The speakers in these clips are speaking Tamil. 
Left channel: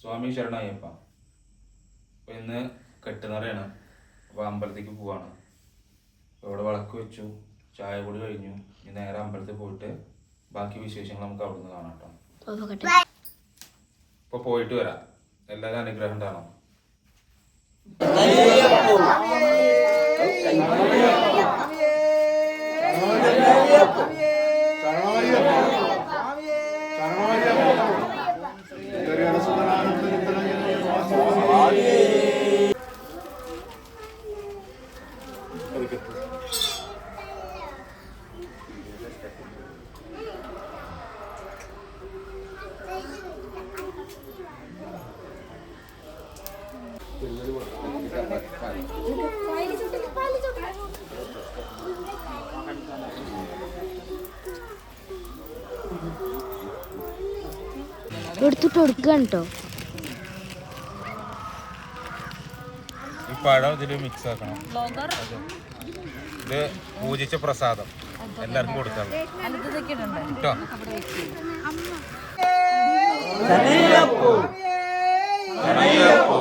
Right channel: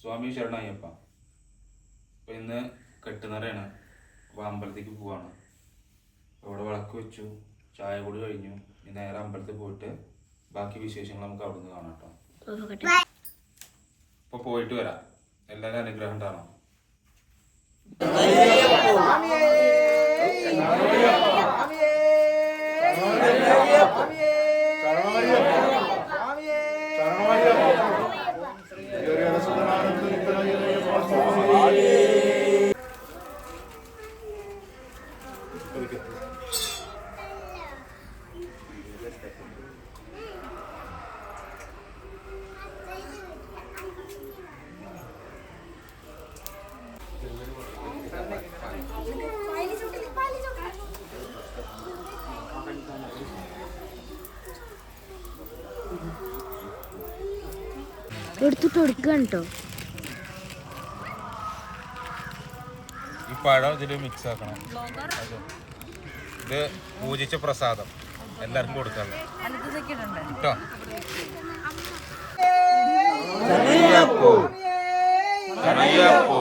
സ്വാമി ശരണയ്യപ്പ അപ്പോൾ ഇന്ന് കെട്ടുന്നറയാണ് അപ്പം അമ്പലത്തേക്ക് പോവാണ് ഇവിടെ വിളക്ക് വെച്ചു ചായ കൂടി കഴിഞ്ഞു ഇനി നേരെ അമ്പലത്തിൽ പോയിട്ട് ബാക്കി വിശേഷങ്ങൾ നമുക്ക് അവിടെ നിന്ന് കാണാം കേട്ടോ അപ്പോൾ പോയിട്ട് വരാം എല്ലാവരും അനുഗ്രഹം ഉണ്ടാകണം Yeah. എടുത്തിട്ട് കൊടുക്കുകയാണ് കേട്ടോ ഈ പഴം ഇതിൽ മിക്സ് ആക്കണം ഇത് പൂജിച്ച പ്രസാദം എല്ലാവർക്കും കൊടുക്കണം അയ്യപ്പോ അയ്യപ്പോ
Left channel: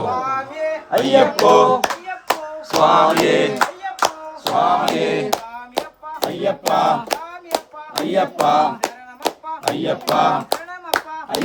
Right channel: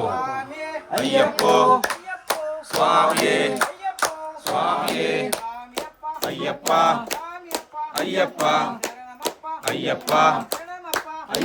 അയ്യപ്പോ അയ്യപ്പ അയ്യപ്പ അയ്യപ്പ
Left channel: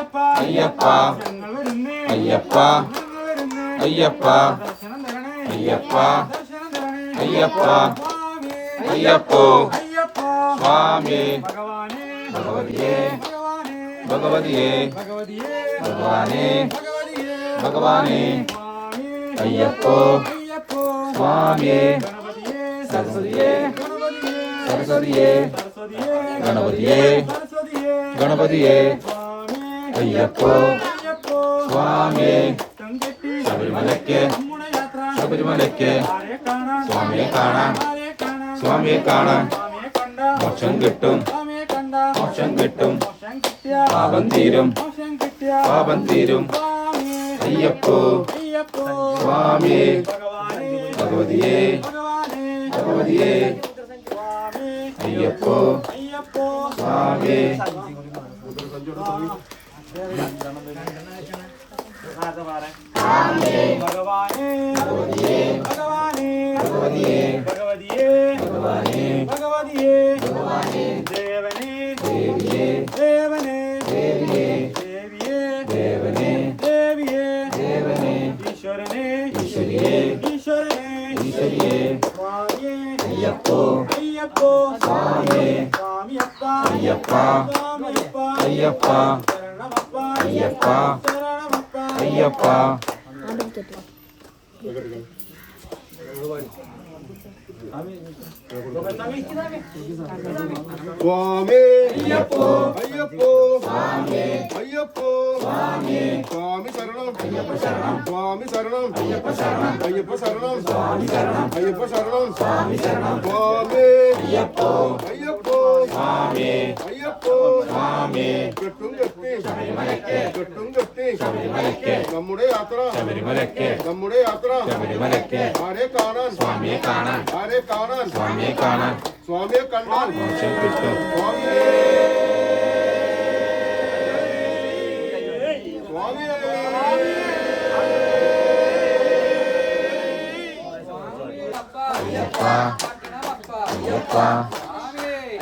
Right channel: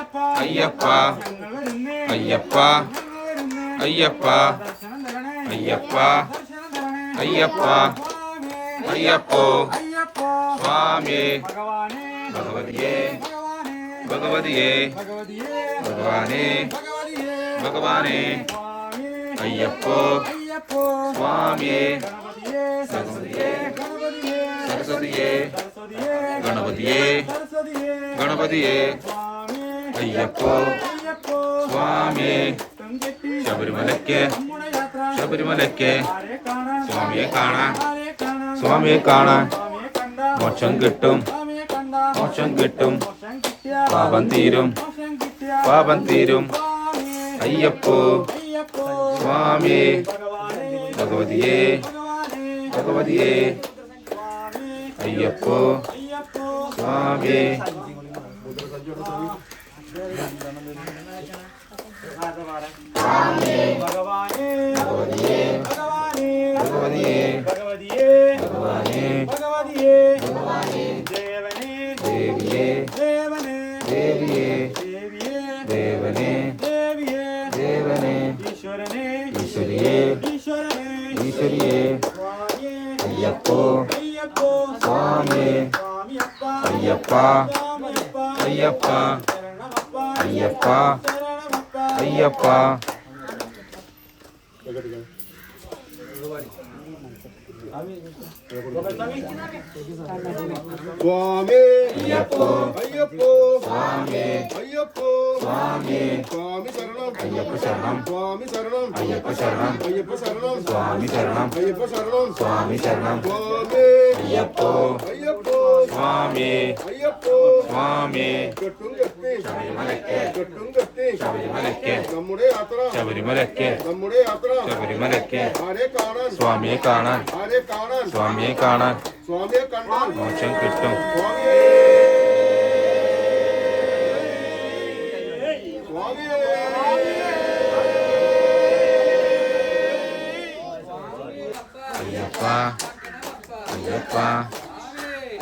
ஐயப்பா ஐயப்பா ஐயப்பா ஐயப்பா ஐயப்பா ஐயப்போ சுவாமி பகவதியே பகவதியே பகவானே பகவானே ஐயப்போ சுவாமி சரஸ்வதியே சரஸ்வதியே கணபதியே கணபதியே അയ്യപ്പോ സ്വാമിയെ ശബരിമലയ്ക്ക് ശബരിമലയ്ക്ക് സ്വാമിയെ കാണാൻ സ്വാമിയെ കാണാൻ മോക്ഷം കിട്ടും മോക്ഷം കിട്ടും പാപം തീരും പാപം തീരും അയ്യപ്പോ സ്വാമിയെ ഭഗവതിയെ ഭഗവതിയെ അയ്യപ്പോ സ്വാമിയെ भगवाने भगवाने भगवदिये भगवदिये देवने देविये देवने देविये देविये देवने देविये देवने ईश्वरने ईश्वरिये ईश्वरने ईश्वरिये स्वामी अय्यप्पो अय्यप्पो स्वामी स्वामी अय्यप्पा अय्यप्पा ஐயப்பா ஐயப்பா சுவாமி ஐயப்போ ஐயப்போ சுவாமி ஐயப்போ சுவாமி சுவாமி சரணம் ஐயப்ப சரணம் சுவாமி சரணம் ஐயப்ப சரணம் ஐயப்ப சரணம் சுவாமி சரணம் ஐயப்ப சரணம் சுவாமி சரணம் சுவாமி ஐயப்போ ஐயப்போ சுவாமி ஐயப்போ சுவாமி கெட்டுங்கத்தி ശബരിമലയ്ക്ക് കെട്ടുങ്കത്തി ശബരിമലയ്ക്ക് നമ്മുടെ യാത്ര ശബരിമലയ്ക്ക് നമ്മുടെ യാത്ര ശബരിമലയ്ക്ക് ആരെ കാണാൻ സ്വാമിയെ കാണാൻ ആരെ കാണാൻ സ്വാമിയെ കാണാൻ സ്വാമിയെ കണ്ടാൽ മോക്ഷം കിട്ടും സ്വാമിയെ അയ്യപ്പ അയ്യപ്പ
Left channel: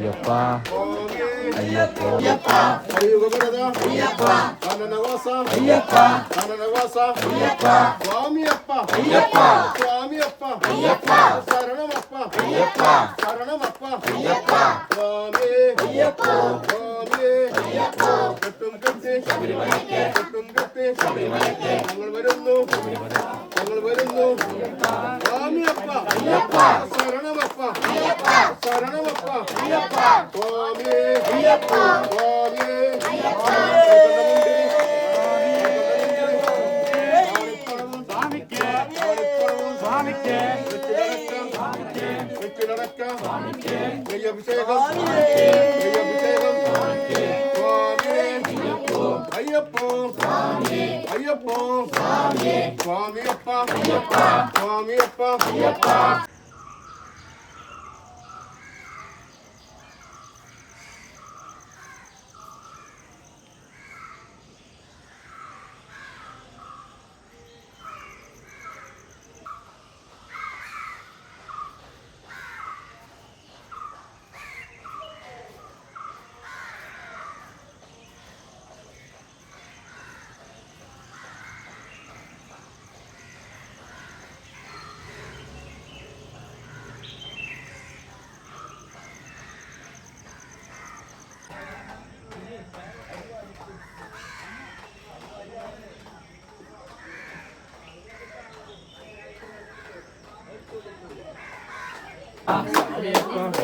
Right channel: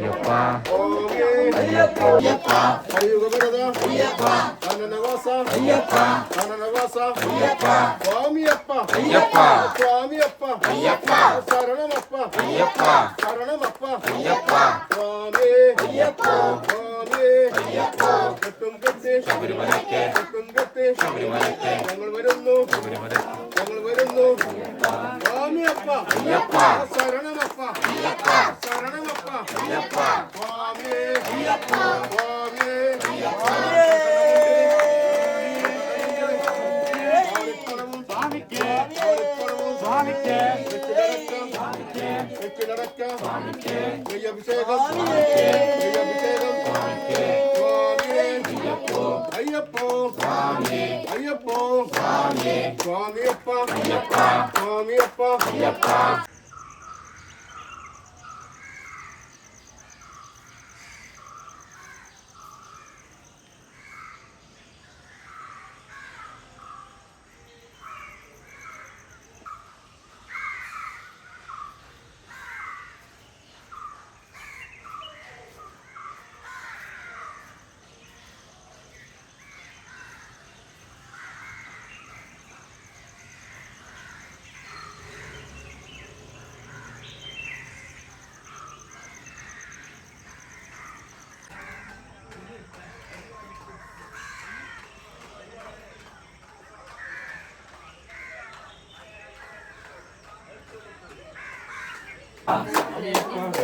അയ്യപ്പ അയ്യപ്പ അയ്യപ്പ അയ്യപ്പ അയ്യപ്പ സ്വാമിയപ്പ അയ്യപ്പ സ്വാമിയപ്പ അയ്യപ്പ ശരണമപ്പ അയ്യപ്പ ശരണമപ്പ അയ്യപ്പ സ്വാമി അയ്യപ്പ സ്വാമി അയ്യപ്പ കെട്ടും കെട്ടി ശബരിമലയ്ക്ക് കെട്ടും കെട്ടി ശബരിമലയ്ക്ക് ഞങ്ങൾ വരുന്നു ശബരിമലയ്ക്ക് ஐயப்பா சுவாமிக்கே சுவாமிக்கே சுவாமிக்கே அபிஷேகம்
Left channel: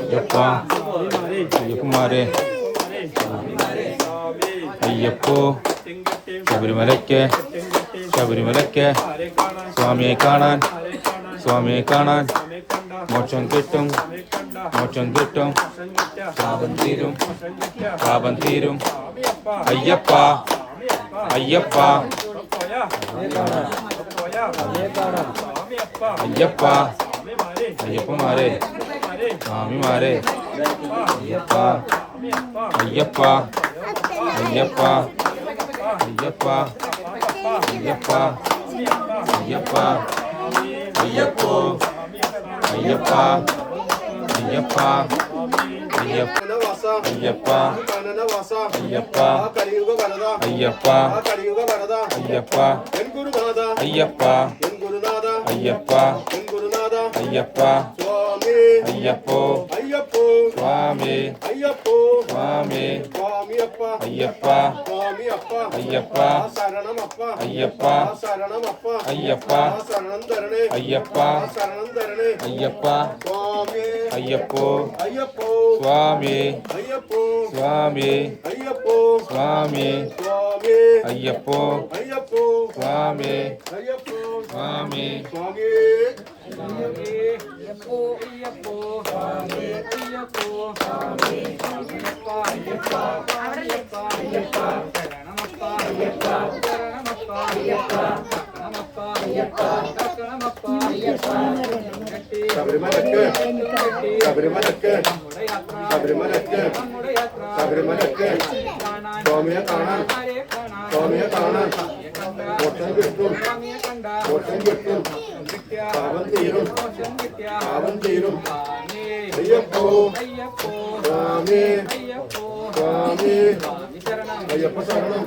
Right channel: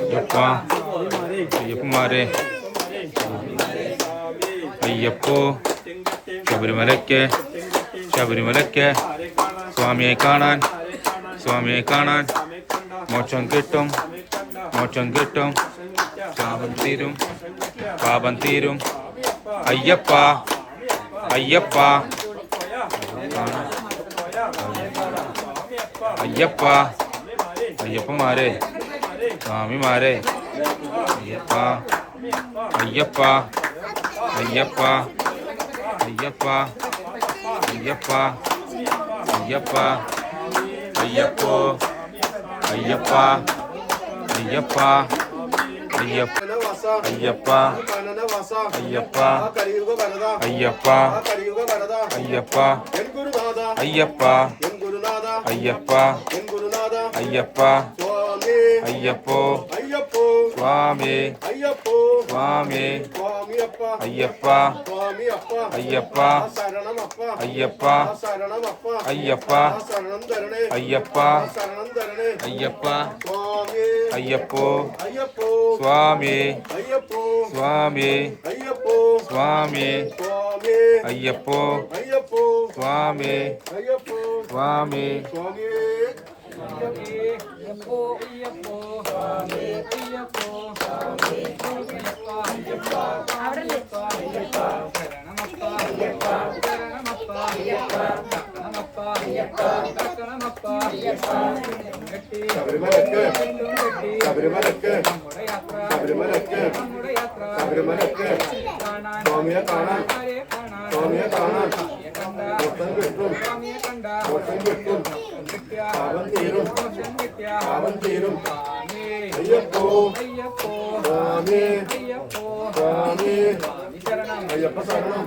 ஐயப்பா ஐயப்பமாரே ஐயப்போ ശബരിമലയ്ക്ക് ശബരിമലയ്ക്ക് സ്വാമിയെ കാണാൻ സ്വാമിയെ കാണാൻ മോക്ഷം കിട്ടും മോക്ഷം കിട്ടും പാപം തീരും പാപം തീരും അയ്യപ്പ അയ്യപ്പ അയ്യപ്പ അയ്യപ്പമാരെ சாமிமாரே ஐயப்பா ஐயப்பா ஐயப்பா ஐயப்பா ஐயப்பா ஐயப்பா ஐயப்போ ஐயப்பா ஐயப்பா ஐயப்பா ஐயப்பா ஐயப்பா ஐயப்பா ஐயப்பா ஐயப்பா ஐயப்பா ஐயப்பா ஐயப்போ ஐயப்போ சுவாமி ஐயப்போ சுவாமி சுவாமி அப்பா ஐயப்பா சுவாமி அப்பா ஐயப்பா சரணம் அப்பா ஐயப்பா சரணம் அப்பா ஐயப்பா ஐயப்பா ஐயப்பா ஐயப்போ ஐயப்போ சுவாமி ஐயப்போ சுவாமி ஐயப்போ சுவாமி ஐயப்போ ஐயப்போ சுவாமி ஐயப்போ சுவாமி சுவாமி ஐயப்போ நமப்பா நமப்பா நமப்பா நமப்பா கட்டி சபரிமலைக்கு கட்டி சபரிமலைக்கு நம்முடைய யாத்ரா சபரிமலைக்கு நம்முடைய யாத்ரா சபரிமலைக்கு காணான் சுவாமியை காணான் சுவாமியை காணான் கிட்டும் சுவாமியை கிட்டும் அவன் தீரும் அவன் தீரும் ஐயப்போ ஐயப்போ சுவாமி ஐயப்போ சுவாமி ஐயப்ப சரணம்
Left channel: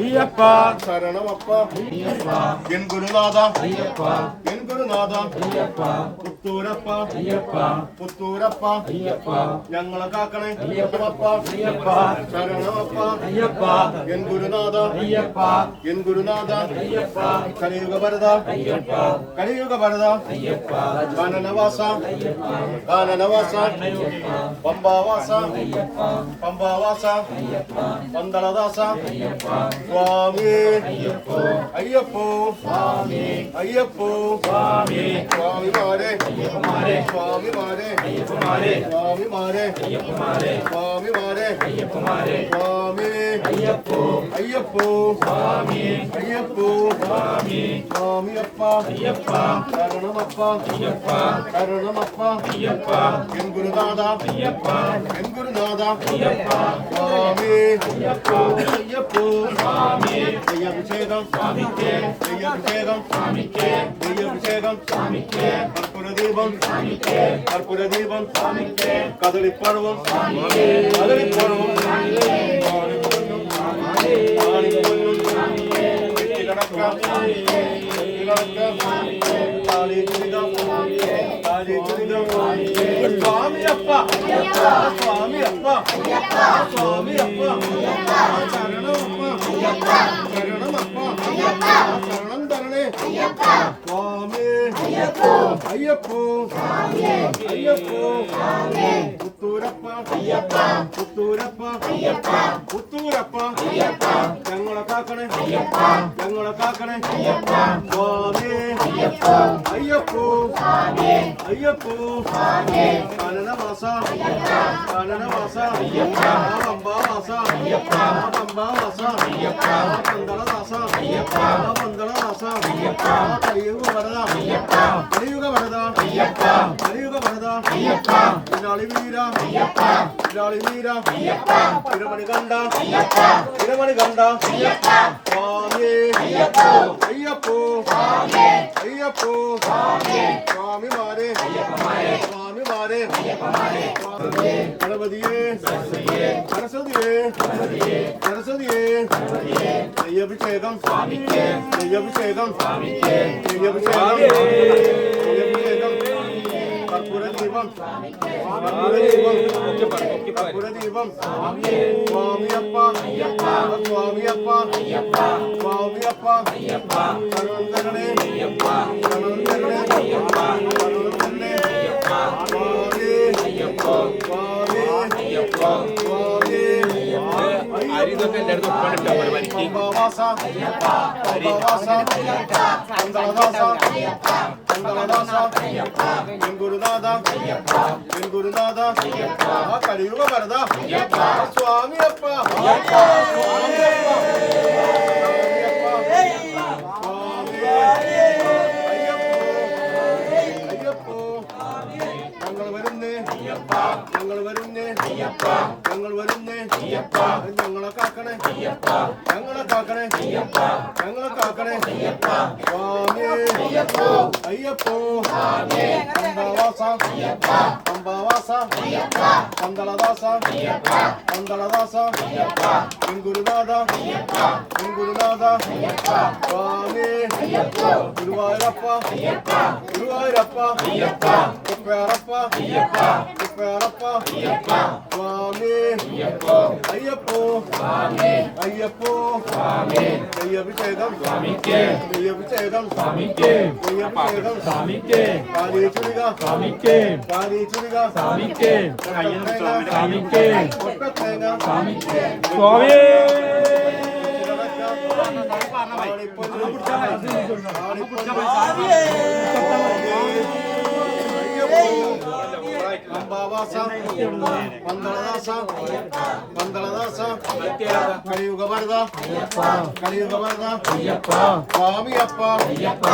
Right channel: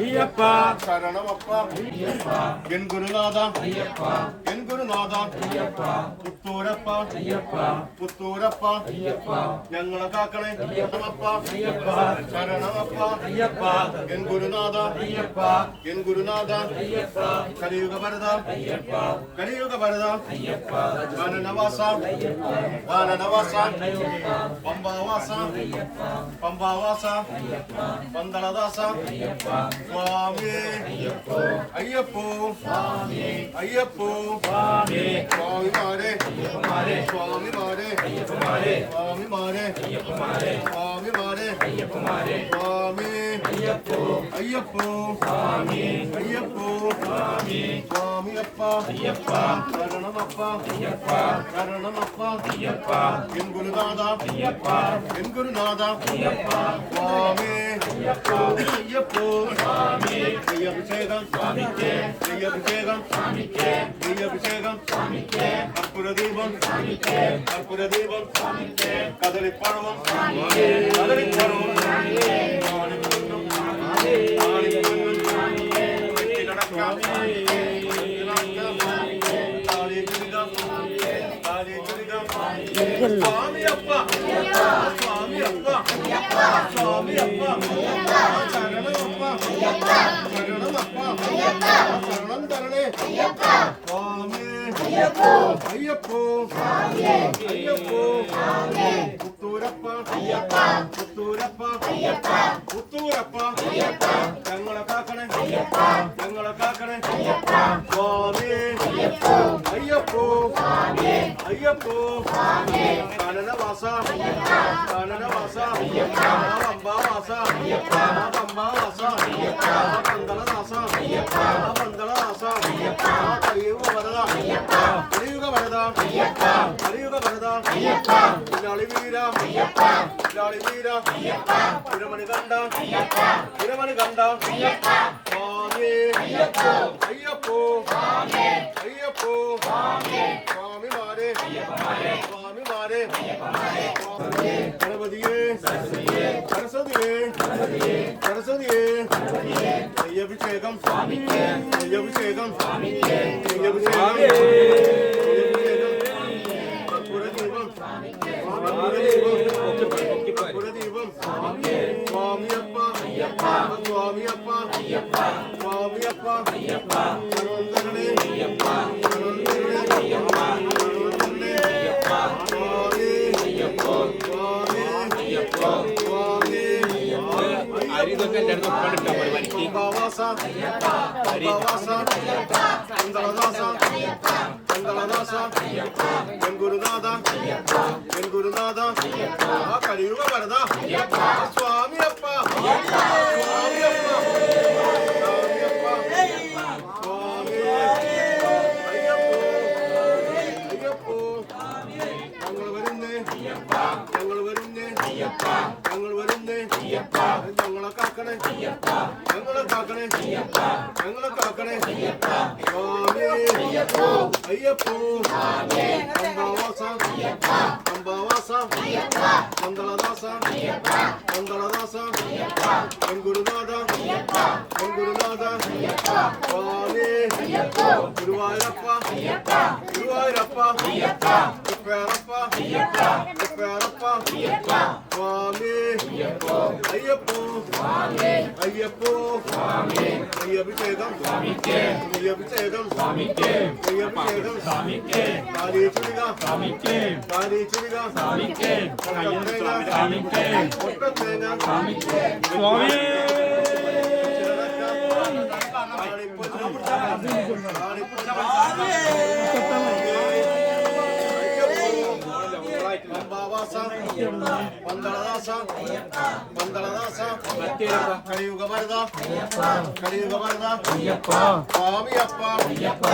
ஐயப்பா சரணம் அப்பா ஐயப்பா என் குருநாதா ஐயப்பா என் குருநாதா ஐயப்பா പുത്തൂരപ്പാ അയ്യപ്പ പുത്തൂരപ്പ അയ്യപ്പ ഞങ്ങളെ കാക്കണേ അയ്യപ്പ അയ്യപ്പ ശരണമപ്പ അയ്യപ്പ എൻ ഗുരുനാഥ അയ്യപ്പ എൻ ഗുരുനാഥ അയ്യപ്പ കലിയുഗ ഭരത അയ്യപ്പ കലിയുഗ ഭരത അയ്യപ്പ ഗാനനവാസ ഗാനനവാസ பம்பாவாச பம்பாவாச பந்தளதாச சுவாமி ஐயப்போ சுவாமி ஐயப்போ சுவாமி சுவாமி மாரே மாரே சுவாமி மாரே மாரே ஐயப்பா கரணம் ஐயப்பா கரணம் ஐயப்பா என் குருநாதா ஐயப்பா என் குருநாதா சுவாமி ஐயப்போ ஐய அபிஷேகம் ஐய அபிஷேகம் ஐய அபிஷேகம் கற்பூர தீபம் கற்பூர சுவாமி അയ്യപ്പ സ്വാമിയപ്പ സ്വാമിയപ്പ ശരണമപ്പ ശരണമപ്പ ശരണം തരണേ സ്വാമി അയ്യപ്പോ അയ്യപ്പോ പുത്തൂരപ്പ അയ്യപ്പ പുത്തൂരപ്പ അയ്യപ്പ പുത്തൂരപ്പ അയ്യപ്പ ഞങ്ങളെ കാക്കണേ അയ്യപ്പ ഞങ്ങളെ കാക്കണേ അയ്യപ്പ സ്വാമി അയ്യപ്പോ അയ്യപ്പോ അയ്യപ്പോ കനനവാസ കനനവാസ പമ്പാവാസ പമ്പാവാസ പന്തളദാസ പന്തളദാസ കലിയുഗ വരത കലിയുഗ വരത കലിയുഗ വരത പിന്നാളി വീര ஐயப்பா இராளி வீரா ஐயப்பா இரமணி கண்டா ஐயப்பா இரமணி கண்டா ஐயப்பா சுவாமி ஐயப்போ ஐயப்போ சுவாமி ஐயப்போ சுவாமி சுவாமி மாரே ஐயப்பமாரே சுவாமி மாரே ஐயப்பமாரே கணபதியே சரஸ்வதியே சரஸ்வதியே சரஸ்வதியே சரஸ்வதியே சரஸ்வதியே ஐயபிஷேகம் சுவாமிக்கே ஐயபிஷேகம் சுவாமிக்கே ஐயபிஷேகம் சுவாமியே శివం కులదీపం స్వామియప్ప స్వామియప్ప స్వామియప్ప కరుణగణే కరుణగణే కరుణగణే అరిదొక్క ఎడదు పండుగ మరి వారికి అరి ഞങ്ങൾ വരുന്നേ ഞങ്ങൾ വരുന്നേ ഞങ്ങൾ വരുന്നേ காக்கணே எங்களை காக்கணே எங்களை காக்கணே சுவாமி ஐயப்போ அம்பலவாசா அம்பலவாசா பந்தளதாசா பந்தளதாசா என் குருநாதா என் குருநாதா சுவாமி குருவாயிரப்பா குருவாயிரப்பா குப்பேரப்பா குப்பேரப்பா சுவாமி ஐயப்போ ஐயப்போ சுவாமி ஐயப்போ சுவாமி ஐய அபிஷேகம் சுவாமிக்கே ஐய அபிஷேகம் சுவாமிக்கே ஐய அபிஷேகம் சுவாமிக்கே காரி சுரிகா சுவாமிக்கே காரி சுரிகா சுவாமிக்கே ஐயன் சுவாமிக்கே ஒட்ட தேனா சுவாமிக்கே சுவாமி ஆடி புடிச்சா ஆடி புடிச்சா ஆடி புடிச்சா ಅಂಬಾವಾಸ ಮಂಗಳದಾಸ ಮಂಗಳದಾಸ ಕಲಿಯುಗ ಬರದ ಕಲಿಯುಗ ಬರದ ಸ್ವಾಮಿಯಪ್ಪ ಸ್ವಾಮಿಯಪ್ಪ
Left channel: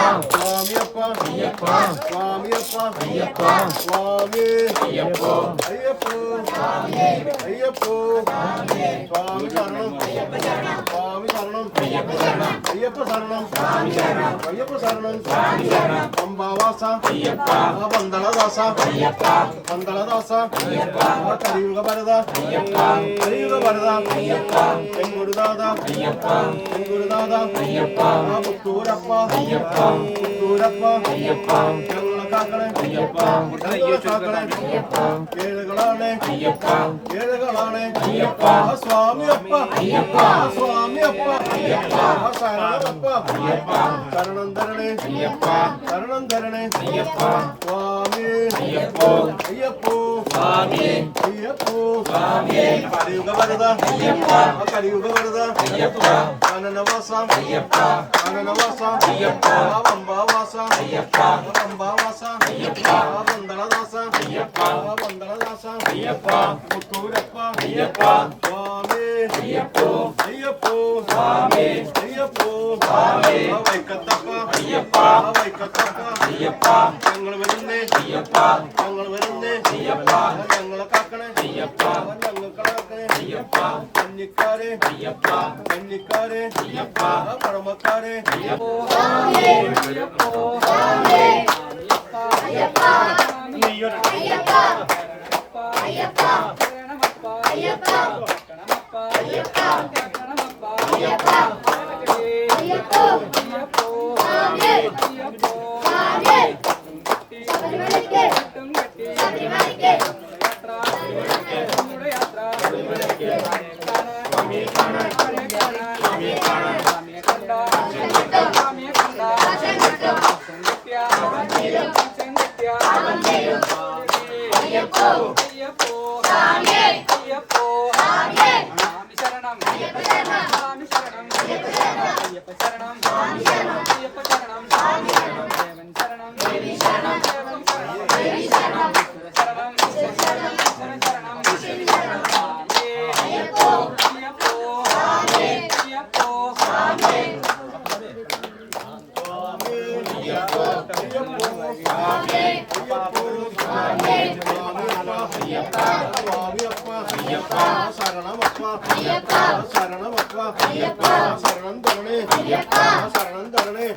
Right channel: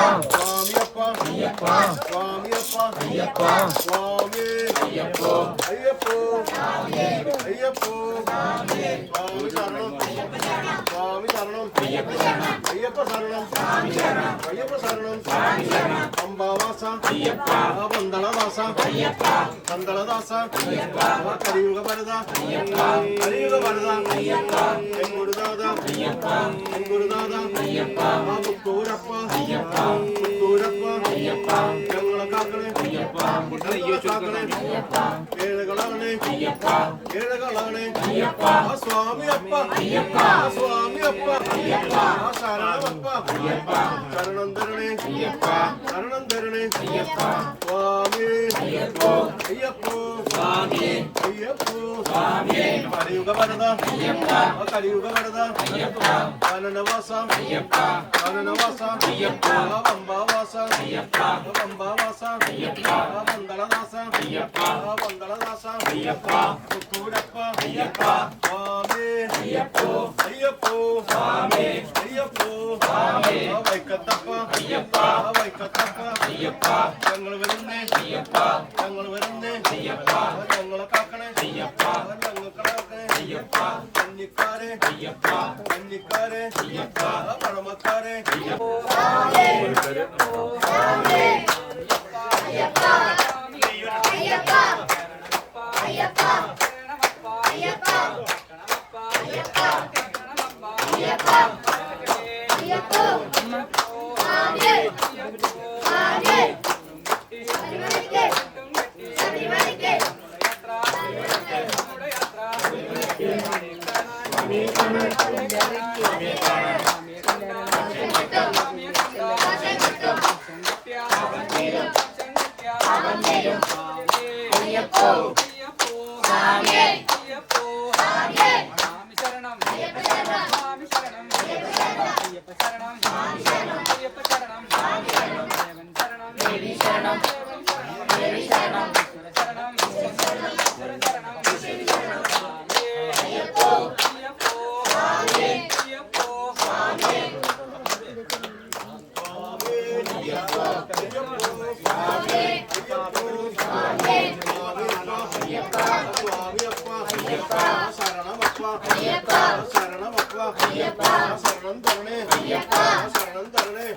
ಸ್ವಾಮಿಯಪ್ಪ ಅಯ್ಯಪ್ಪ ಸ್ವಾಮಿ ಅಯ್ಯಪ್ಪ ಅಯ್ಯಪ್ಪ ಅಯ್ಯಪ್ಪ ಸ್ವಾಮಿ சாமி சரணம் ஐயப்ப சரணம் ஐயப்ப சரணம் சாமி சரணம் ஐயப்ப சரணம் சாமி சரணம் அம்பாவாசா ஐயப்பா பந்தளதாசா ஐயப்பா பந்தளதாசா ஐயப்பா கலியுக பரதா ஐயப்பா கலியுக பரதா ஐயப்பா வெங்குடுதாதா ஐயப்பா வெங்குடுதாதா ஐயப்பா புத்தூரப்பா ஐயப்பா புத்தூரப்பா ஐயப்பா காக்கணே ஐயப்பா ஐயோ காக்கணே ஐயப்பா ஏழுகளானே ஐயப்பா ஏழுகளானே ஐயப்பா சுவாமி அப்பா ஐயப்பா சுவாமி அப்பா ஐயப்பா சரணப்பா ஐயப்பா கருணம் தரணே ஐயப்பா கருணம் தரணே ஐயப்பா சுவாமி ஐயப்போ ஐயப்போ కలియుగ వరద కలియుగ వరద కనునవాస కనునవాస వంబావాస వంబావాస వందలదాస వందలదాస ముత్తూరప్ప స్వామి అయ్యప్పో అయ్యప్పో స్వామి అయ్యప్పో స్వామి వైకత్తప్ప అయ్యప్ప వైకత్తప్ప అయ్యప్ప తంగళ విరుంది అయ్యప్ప తంగళ విరుంది ஐயப்பா ഞങ്ങളെ കാക്കണേ ஐயப்பா അവൻ ഞങ്ങൾക്കളെ നോക്കണേ Ayyappa കന്നിക്കാരെ Ayyappa കന്നിക്കാരെ Ayyappa പഴമക്കാരെ Ayyappa Ayyappa Ayyappa Ayyappa Ayyappa izquierda. Mi mano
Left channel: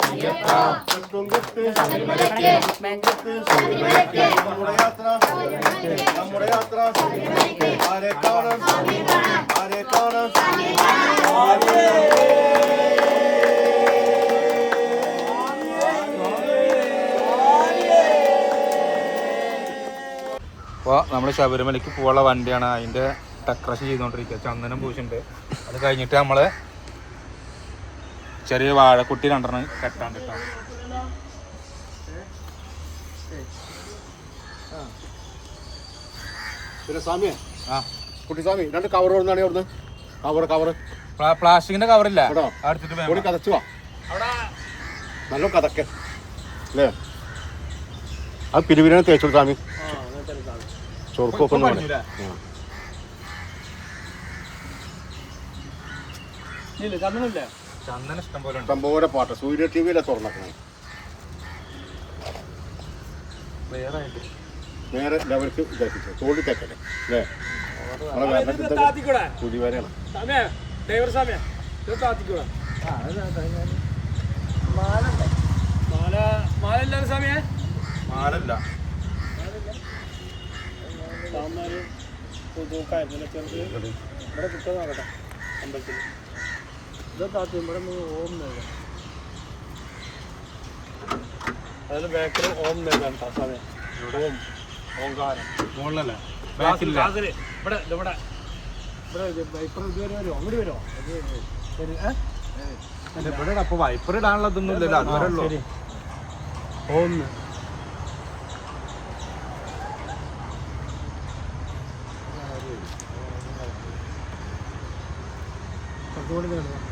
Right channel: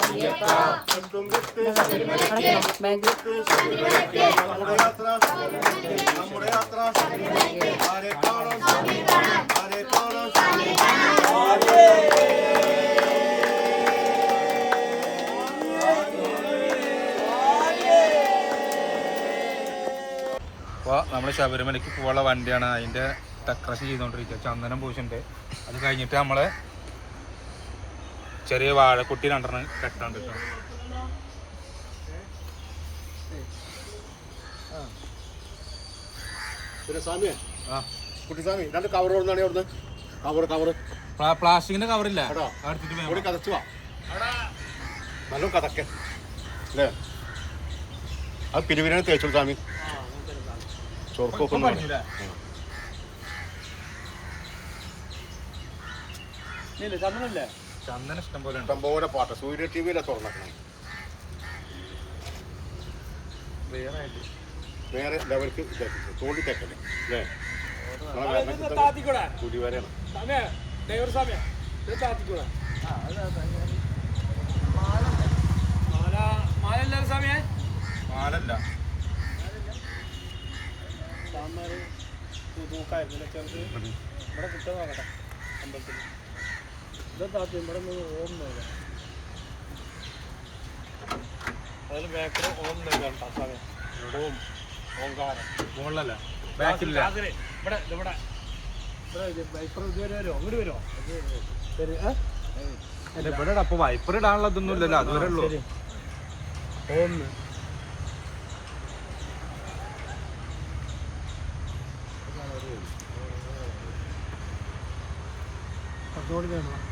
തട്ടുംകെട്ട് നമ്മുടെ യാത്ര നമ്മുടെ യാത്ര അപ്പോൾ നമ്മൾ ശബരിമലയ്ക്ക് പോകാനുള്ള വണ്ടിയാണ് അതിൻ്റെ ഡെക്കറേഷൻ ചെയ്തുകൊണ്ടിരിക്കുക ചന്ദനം പൂശുണ്ട് അത് കഴിഞ്ഞിട്ട് നമ്മൾ ചെറിയ കുട്ടി രണ്ടെണ്ണം കെട്ടാൻ കിട്ടാം കുട്ടി കവർ കവർ കവർ പ്ലാസ്റ്റിക്കിന്റെ കവറില്ല അവിടെ കതച്ചു വാ നല്ല അത് പിരിവിനാണ് തേച്ചു സ്വാമി ചൊറുപ്പൊക്കെ ഒന്നും ഇല്ല ഇഷ്ടംപോലെ പാട്ട സൂര്യ ടി വിയിലെ തുറന്നേക്കണം വേറെ ലെവൽക്ക് ഇതാക്കിച്ചു തോണ്ടി തെക്കല്ലേ അല്ലേ നമ്മളെ ഡ്രൈവർ മാല മാലല്ല മാലല്ല ഇവിടെ കിട്ടുന്ന അമ്പലത്തിൽ താത്തി ഇവിടെ ഓം അതിന് ബാക്കിൽ ഓം നെല്ലാണ് സമയം ഓം ഓംകാരം ബാക്കില്ല ഇവിടെ ഇവിടെ ഇവിടെ വൈപ്പർ ശരി ഇടാനുള്ള ഇതൊന്നും ഇല്ലല്ലോ അതുവരെ ഉള്ളൂ കുറച്ചുകൂടി വേണം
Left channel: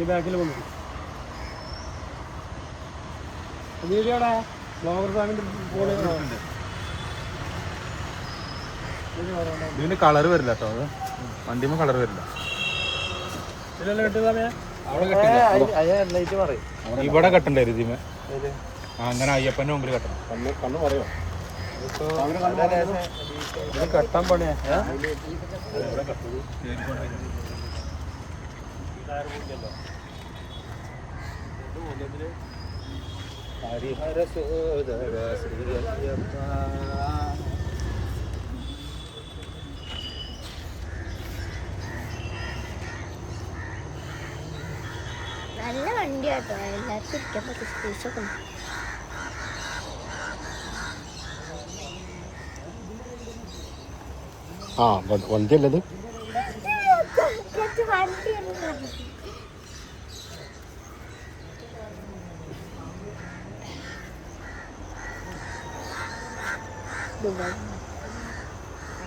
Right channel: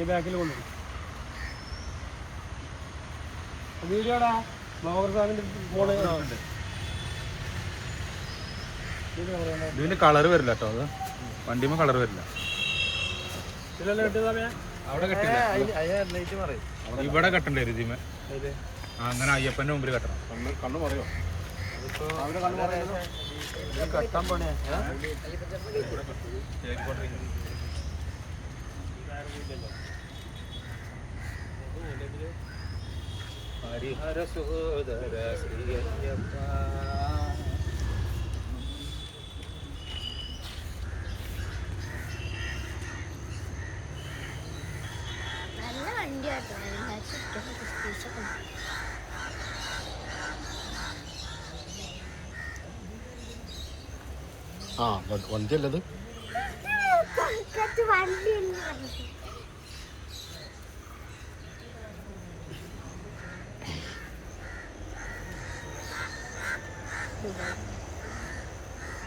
ഈ ബാക്കിൽ വന്നു വീഡിയോടാ ബ്ലോഗർ ഫോണ് ഇതിന് കളർ വരില്ല കേട്ടോ അത് വണ്ടിമ കളർ വരില്ല അവിടെ കെട്ടില്ല ഇവിടെ കെട്ടണ്ടേ ഇതിമേ അങ്ങനെ അയ്യപ്പന്റെ മുമ്പിൽ കെട്ടണം കണ്ണു പറയോ ഹരിഹര സോദര ശ്രീ അയ്യപ്പ ആ വണ്ടിയല്ലത് വണ്ടിയല്ല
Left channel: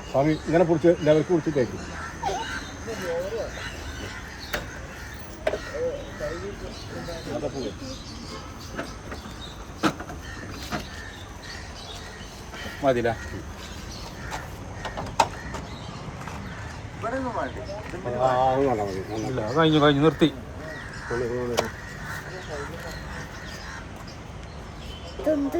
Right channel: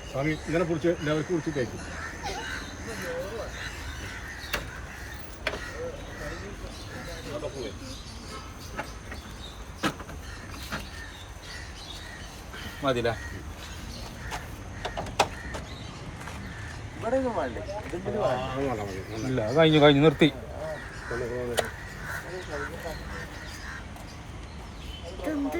സ്വാമി ഇങ്ങനെ കുറിച്ച് ലെവൽ കുറിച്ച് കേൾക്കും മതില കഴിഞ്ഞു കഴിഞ്ഞു നിർത്തി തന്നിട്ടുണ്ട്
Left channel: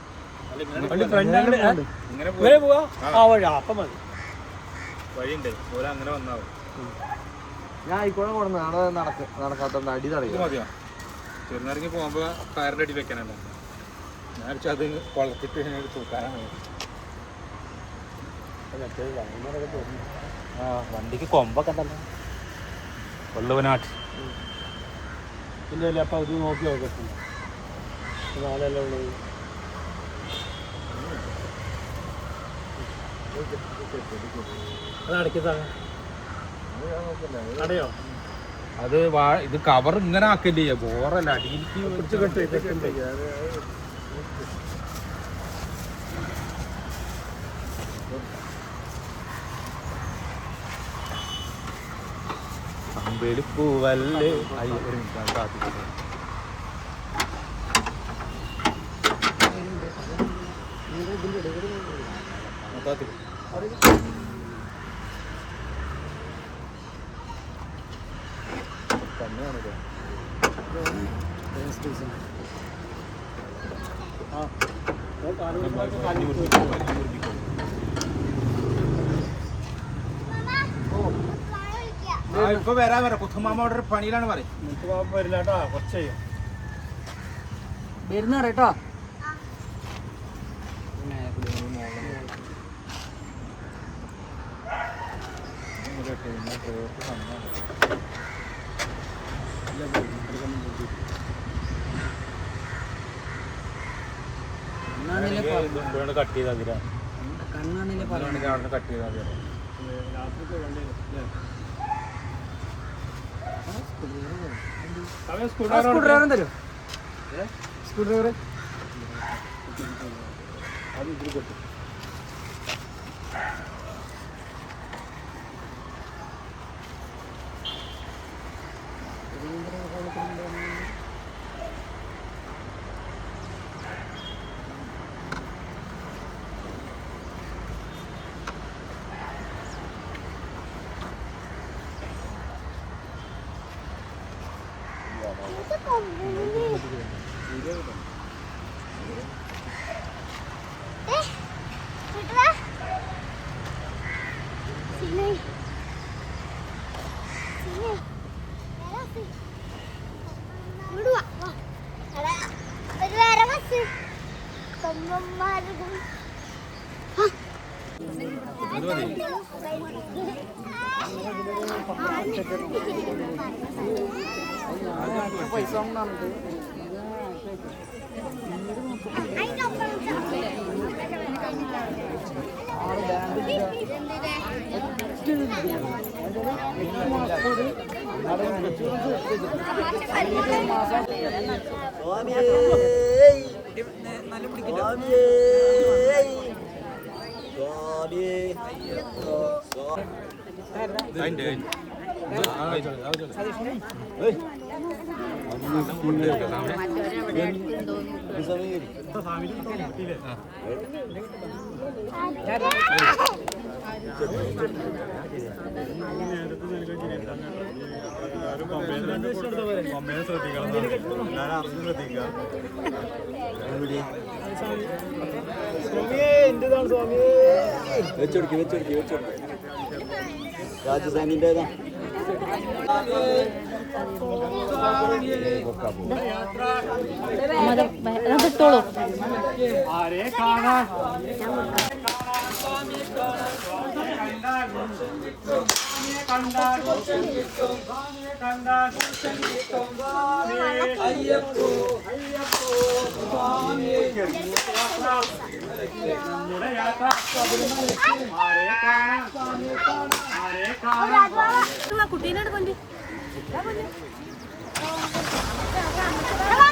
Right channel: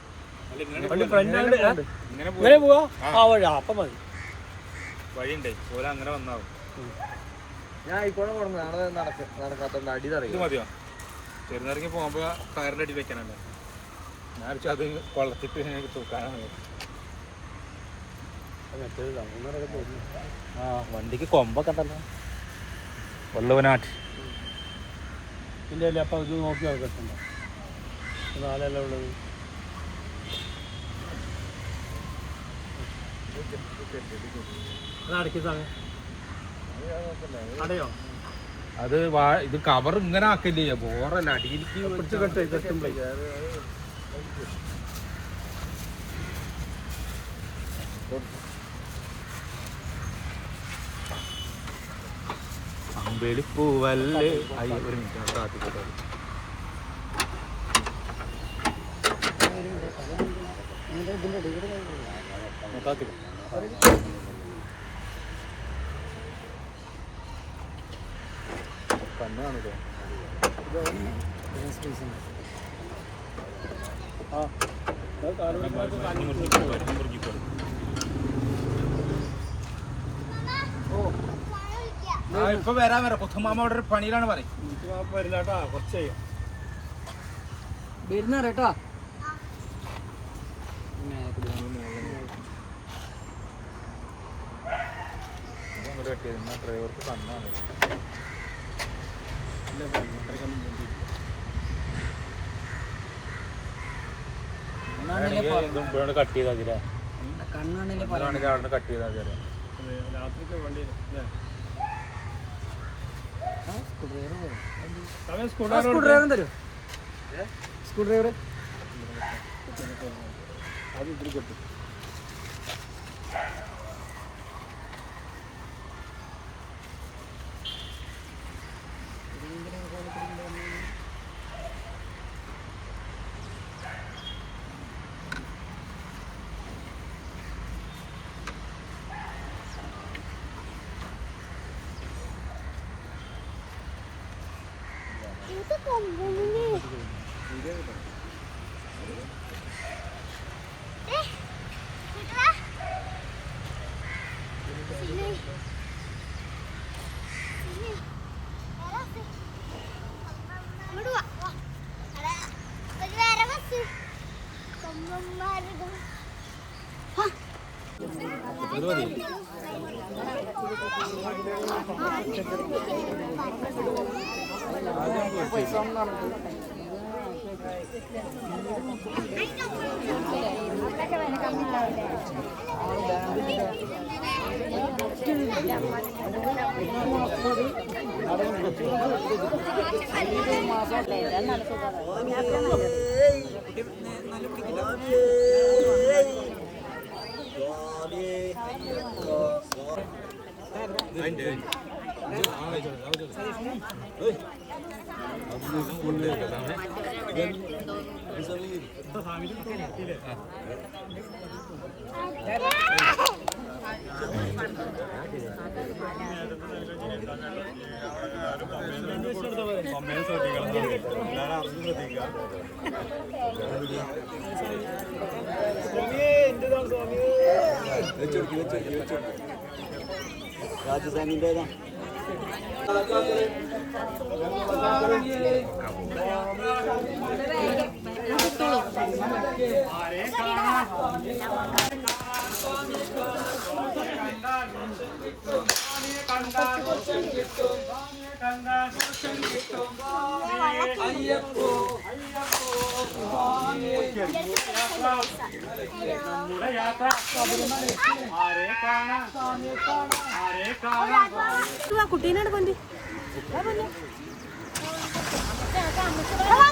ഇങ്ങനെ ആ അപ്പം അങ്ങനെ ഞാൻ നടക്ക അടി പോകുമ്പോ കയറിന്റെ അടി വെക്കാനല്ല ഞാൻ അത് കൊളത്തിട്ട് തൂക്കാനാണ് ആ വണ്ടിക്ക് കൊമ്പൊക്കെ ഉണ്ടല്ലോ കൊല്ലവനാട്ട് ഇല്ല അപ്പൊ അത് നോക്കി നോക്കട്ടുണ്ടോ നാലല്ല ഉള്ളത് അത് അടയോ അത് ഇത് കവർ ഇങ്ങനെ ആക്കില്ലേ ബോറല്ല അടിയിലേക്ക് പിടിച്ച് കെട്ട് വെളുപ്പൂവല്ലേ അയ്യ ഒരു മിനിറ്റ് കാത്തിക്കട്ടെ കാത്തിക്കട്ടെ ഇപ്പൊ വരാൻ വരാം പുത്തുമാമ അവിടെ ഒരു പണിയിലാണ് പറയും വരുന്നേട്ടാ കുറച്ച് ചെയ്യും വരുന്ന കേട്ടോ അവിടെ കട്ട് ചെയ്താൽ മതി കണ്ണാണെങ്കിൽ സ്ക്രൂ ഡ്രൈവർ സ്ക്രൂ ഡ്രൈവർ അത് ഇതിൽ കൊടുത്തു മതി പൈസ നല്ല പിടിക്കില്ല ശ്രദ്ധിക്കണം എല്ലാവരും അറിഞ്ഞ് ശ്രദ്ധിക്കുക വെച്ചൊടുക്കി വെച്ചൊടുക്കി വെച്ചൊടുക്കി രാജസ്ഥാനിൻ്റെതാ കിട്ടോളൂ കാണാ ಕುಟ್ಟಿ ನೋಡಿ ಬಂದಿ ಬಂದ